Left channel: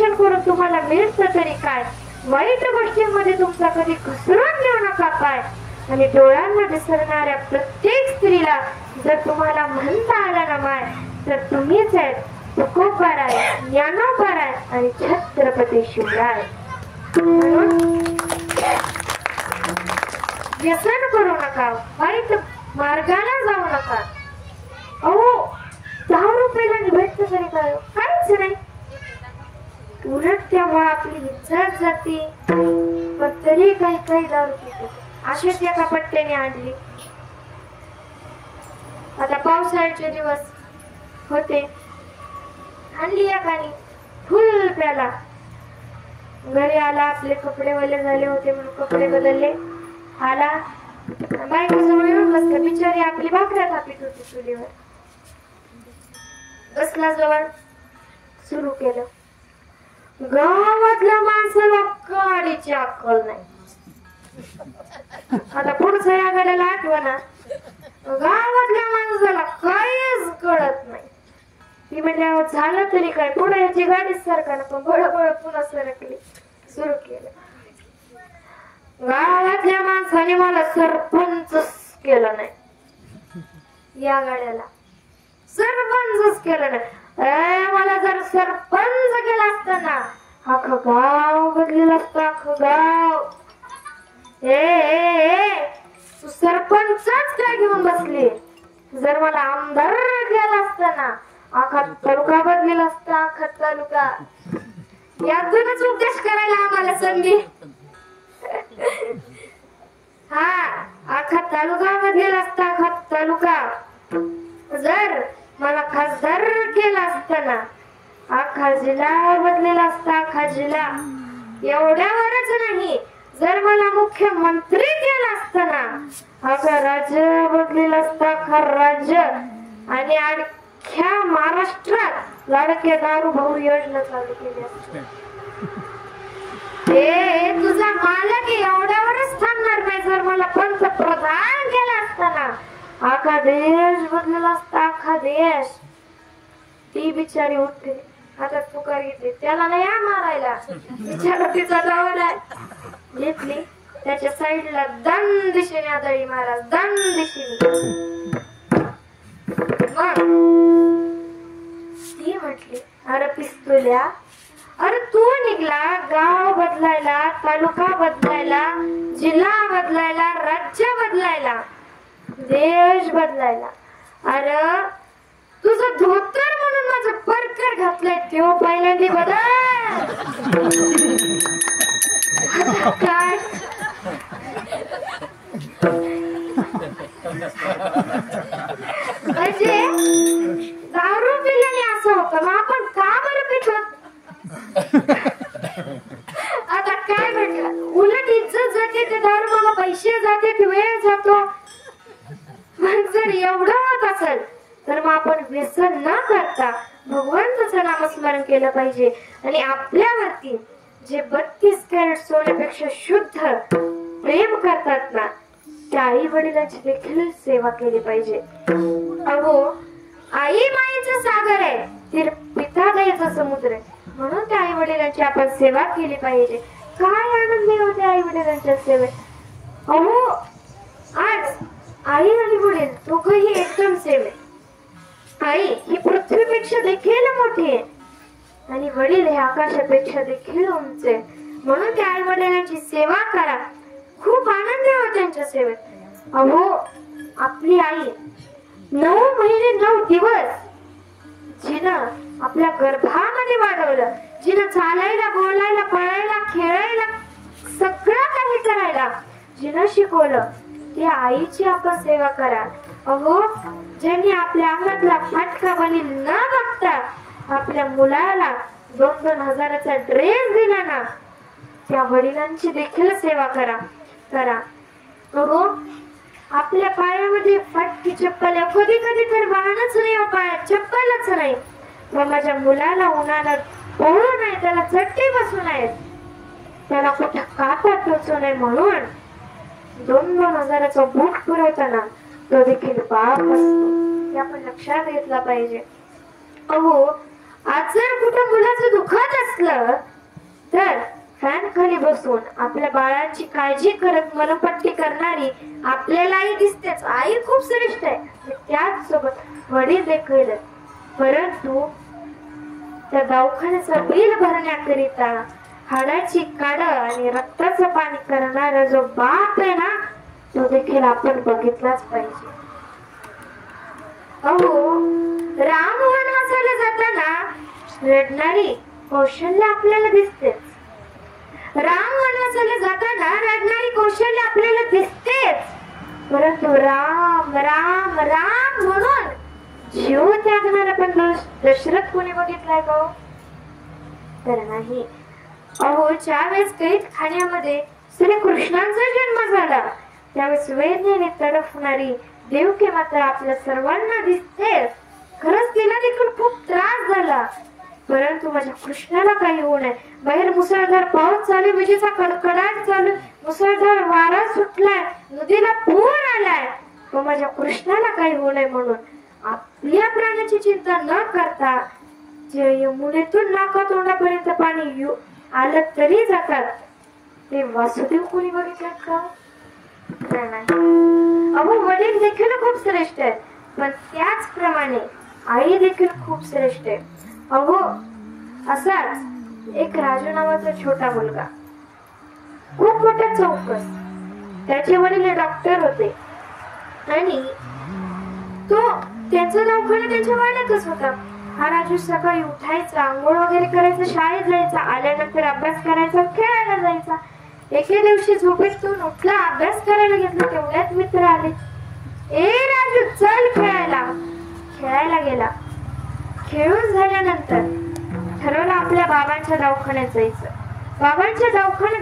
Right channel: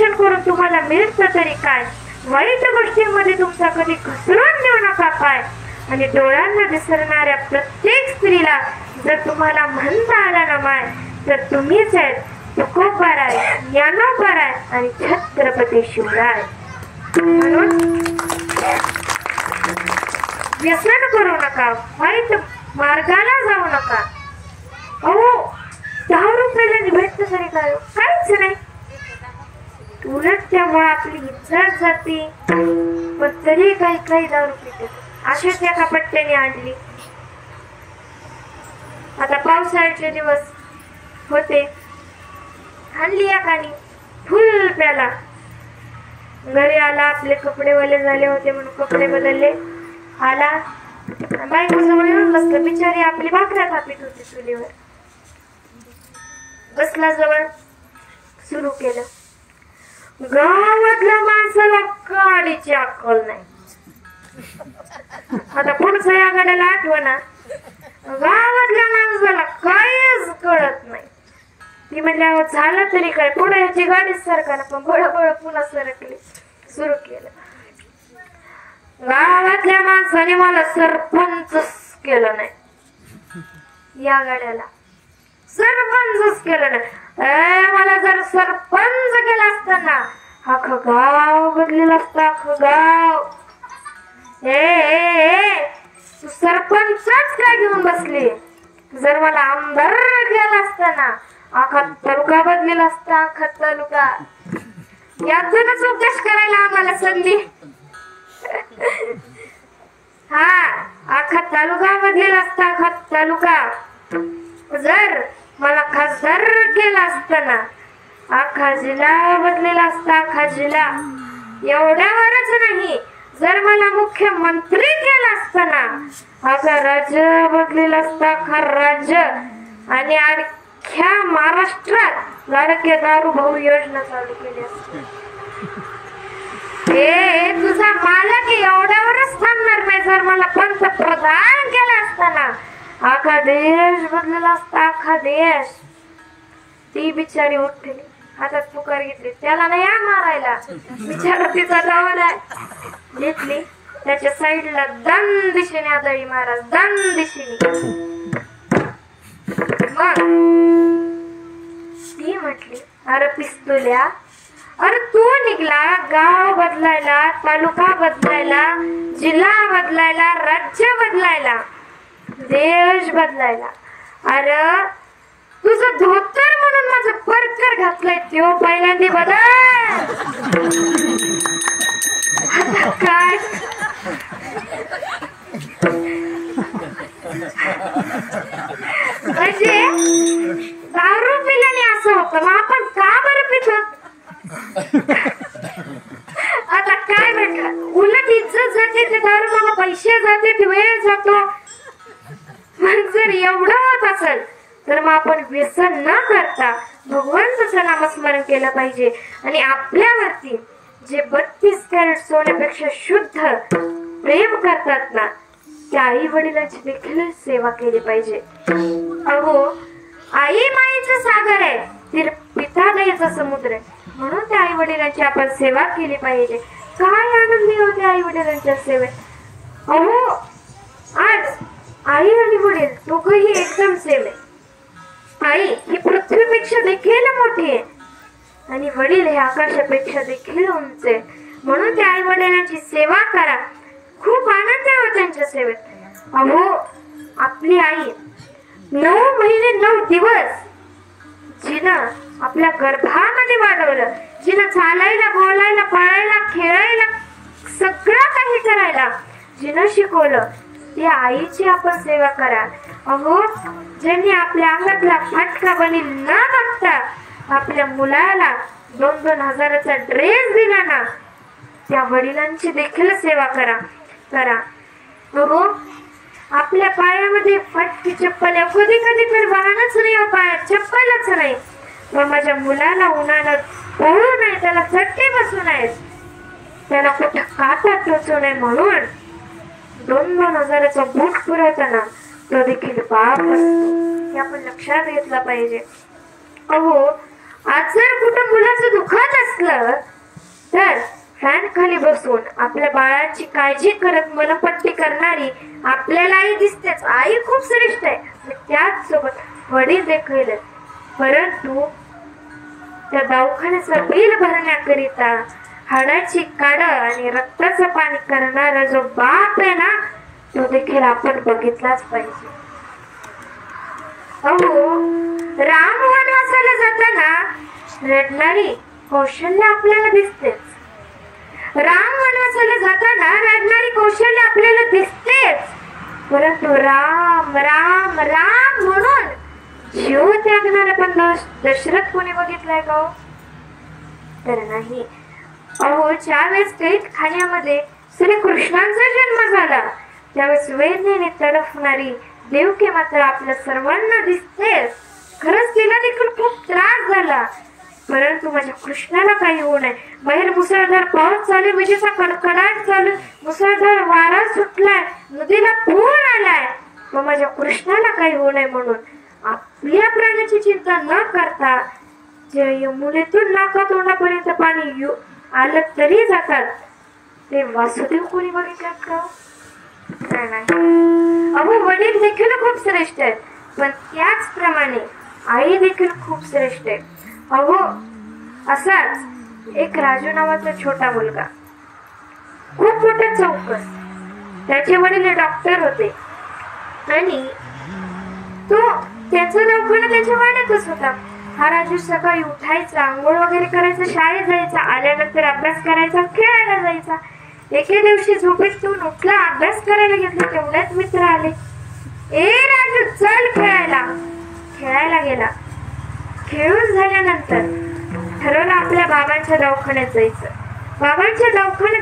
दर्शन करून तुम्हाला मिळतं तरी काय, वाईट गोष्टींमध्ये तुमचा कधी घसरून देऊ नका पाय. आणि डोळ्यांना दिसणाऱ्या प्रत्येक स्त्रीला जर तुम्हाला म्हणता आला ना माय, तर तुम्हीच आहेत तुकोबाराय, ज्ञानोबाराय आणि छत्रपती शिवराय. म्हणून व्यसन करू नका, वाईट मार्गाला जाऊ नका. अहो 10 रुपयाला भेटत तरी काय, काहीच नाही. उलट त्यामुळे आपली इज्जत जाते. पण तरी काही काही 10 रुपये अशाच एका पट्ट्याने आणली. आता पावसाळ्याचे दिवस होते, आणली एकाने फुल प्याला. घरी आला, आपले कपडे ओले झाले होते म्हणून कपडे बदलले. आला बायको जवळ येऊन बसला. बिचारी आपली भाकऱ्या थापीत होती चुलीवर. बसला जवळ, सुरू केलं. गावातल्या माणसाला काडीची अक्कल नाही. आता पुढचं या गाड्याला आठवणा. गावातल्या माणसाला काहीच कळत नाही. ती म्हणल्यावर झालं तरी काय, पुढे याची गाडी सरकाना, पण बळबळ पुन्हा सरकली. सुरू केलं. गावातल्या माणसाने मला सरपंच केलं नाही. या गाड्याला सरपंच केलं नाही. मला जर सरपंच केलं असतं ना, अख्खं गाव बदलेलं असतं, अख्खं गाव. तू सरपंचच काय घेऊन बसली? जर मला आमदार केलं असतं ना, अख्खा तालुका बदलेला असता, अख्खा तालुका. यातूनच उपदेश करायला आम्हाला संधी. हा, अख्खा तालुका बदलेला असता, अख्खा तालुका. जर मला खासदार केला असता ना, अख्खा जिल्हा बदलेला असता, अख्खा जिल्हा. एवढ्यावरच नाही, जर मला मुख्यमंत्री केला असता ना, अख्खा राज्य बदलेला असता, अख्खा राज्य. आणि अख्ख्या महाराष्ट्रात लाडके दारू भाऊ योजना चालू केली असते. हे तुझा मालक एवढ्यावरच थांबणार नाही. जर मला पंतप्रधान केला असता ना, अख्खा देश बदलेला असता, अख्खा देश. ती बिचारी उठली, हातात पुकार घेतली. त्याला नाही मारायला, बिचारा तिचा डावड आहे. घेतली त्याच्या साईडला, दन दिशेने आदळी महाराज, दन दिशेने. मग ती म्हटली, अरे पिस्तुल्या, अरे तू निघला गाव बदलायला, तालुका बदलायला, जिल्हा बदलायला, राज्य बदलायला, देश बदलायला. अरे तुझं धोतर म्हणून माझं परकर घातलंय, तो पहिल्यांदा बदल. काय म्हणजे दारू पिल्याने असं होतं, मग आपण का बरं पितो? आता काय म्हटलं, उलट इज्जत जाते, ते दारू मला पैसे जाते, वेळ जातो. जर एवढं होत असेल तर मग आपण व्यसन न करता भगवंताचं नामस्मरण केलं पाहिजे. आणि आपल्यावरती जे 32 कॅरेट सोन्यापेक्षा शुद्ध प्रेम करतात ना, त्या आई वडिलांची देखील सेवा केली पाहिजे. अहो, आई माईचं सागर आहे, ते पिता दयेचा समुद्र आहे. म्हणून त्या आई वडिलांची आपण सेवा केली पाहिजे. काय आनंदी होते आई वडिलांच्या सेवेत. अहो, आज आई आणि वडील दोघंही एकदम सेम आहे. आई ही पृथ्वीपेक्षा देखील मोठी आहे आणि वडील हे आकाशापेक्षा देखील उंच आहे. म्हणून त्या आई वडिलांची सेवा करा, खूप आनंद आहे त्यांच्या सेवेत. अहो, आपली आई 9 महिने 9 दिवस जिनं आपल्या गर्भामध्ये वाढवलं, जिनं चालायला, बोलायला, पळायला, खेळायला, सगळं काही करायला जिनं शिकवलं, त्या आईची आपण सेवा करा. अहो, ज्यांनी आपल्या अंगातला फाटका बनी न बघता आपल्या मुलाला 2-2 हजाराचा ड्रेस दिला ना, त्या वडिलांची देखील सेवा करा. अहो, आपल्या पायामध्ये फाटकी चप्पल आहे, कधी कधी तर वाहनच नाही, पायात चप्पलच नाही, पण माझ्या मुलाला उन्हाळ्यात पळू नाही, त्याला चट्टी बसू नये, त्याला कुठं काटा टोचू नये म्हणून 2-2 हजाराचा बूट पुरवताना तो देखील पाप असतो. हे आपण लक्षात घेतला पाहिजे. अहो, आज जर कुठं मुलाचं दुखत असतं असलं तर फॅन खाली बसून आपल्या बाळाची काळजी करत मनपट्टी करणारी आपल्याला आई दिसतेच. आई खूप श्रेष्ठ आहे, त्याच सोबत वडील देखील. परंतु त्या दवाखान्याचं बिल भरण्याकरिता हाडाची काढ आणि रक्ताचं पाणी करणारा जो बाप आहे ना, तो देखील आपण बघितलाच पाहिजे. अहो, राम वनवासाला जाताना रडणारी कौशल्य आपल्याला दिसतेच. राम वनवासाला जाताना रडणारी कौशल्य आपल्याला दिसतेच. परंतु राम राम राम म्हणून जीव त्यागणारा पण दशरथ कोणी बघितलाय का? तर नाही. अहो, ज्यावेळेस कैदखान्यामध्ये श्रीकृष्णांचा जन्म झाला त्यावेळेस वेदनेने तडफणारी देवकी माता आपल्या सर्वांना दिसतेच. खरंच तिला देखील खूप त्रास झाला, परंतु माझ्या कृष्णाला काही होऊ नये. बाहेर मुसळधार पाऊस चालू, विजेचा कडकडाट चालू, मुसळधार वारा सुटलाय, नदीला पूर आलाय, पण माझ्या कृष्णाला काही होऊ नये म्हणून आपल्या प्राण्याची चिंता न करता जे यमुनेतून नाका तोंडापर्यंत पाणी आलं तरी जातात ते वासुदेव कोणी बघितलं का? नाही. अहो, वडील देखील खूप श्रेष्ठ आहेत, पण त्याचप्रमाणे आई देखील खूप श्रेष्ठ आहे. अहो, असाच एक राजू नावाचा छोटा मुलगा, खूप मोठा चौकस. त्याचे वडील डॉक्टर होते आणि तो त्याचा दवाखाना त्याच्या वाड्यातच होता. हा राजू सकाळी उठायचा, आंघोळ वगैरे करायचा, शाळेत जायचा, आल्यानंतर अभ्यास करायचा, खेळायला जायचा. एके दिवशी झोपेतून उठला, अभ्यास करायला घेतला, तेवढ्यात मित्र आले. ए राजू, चल खेळायला. खेळायला गेला. खेळून झाल्यानंतर ठरवलं आपल्या बाबांच्या दवाखान्यात जायचं. बाबांच्या दवाखान्यात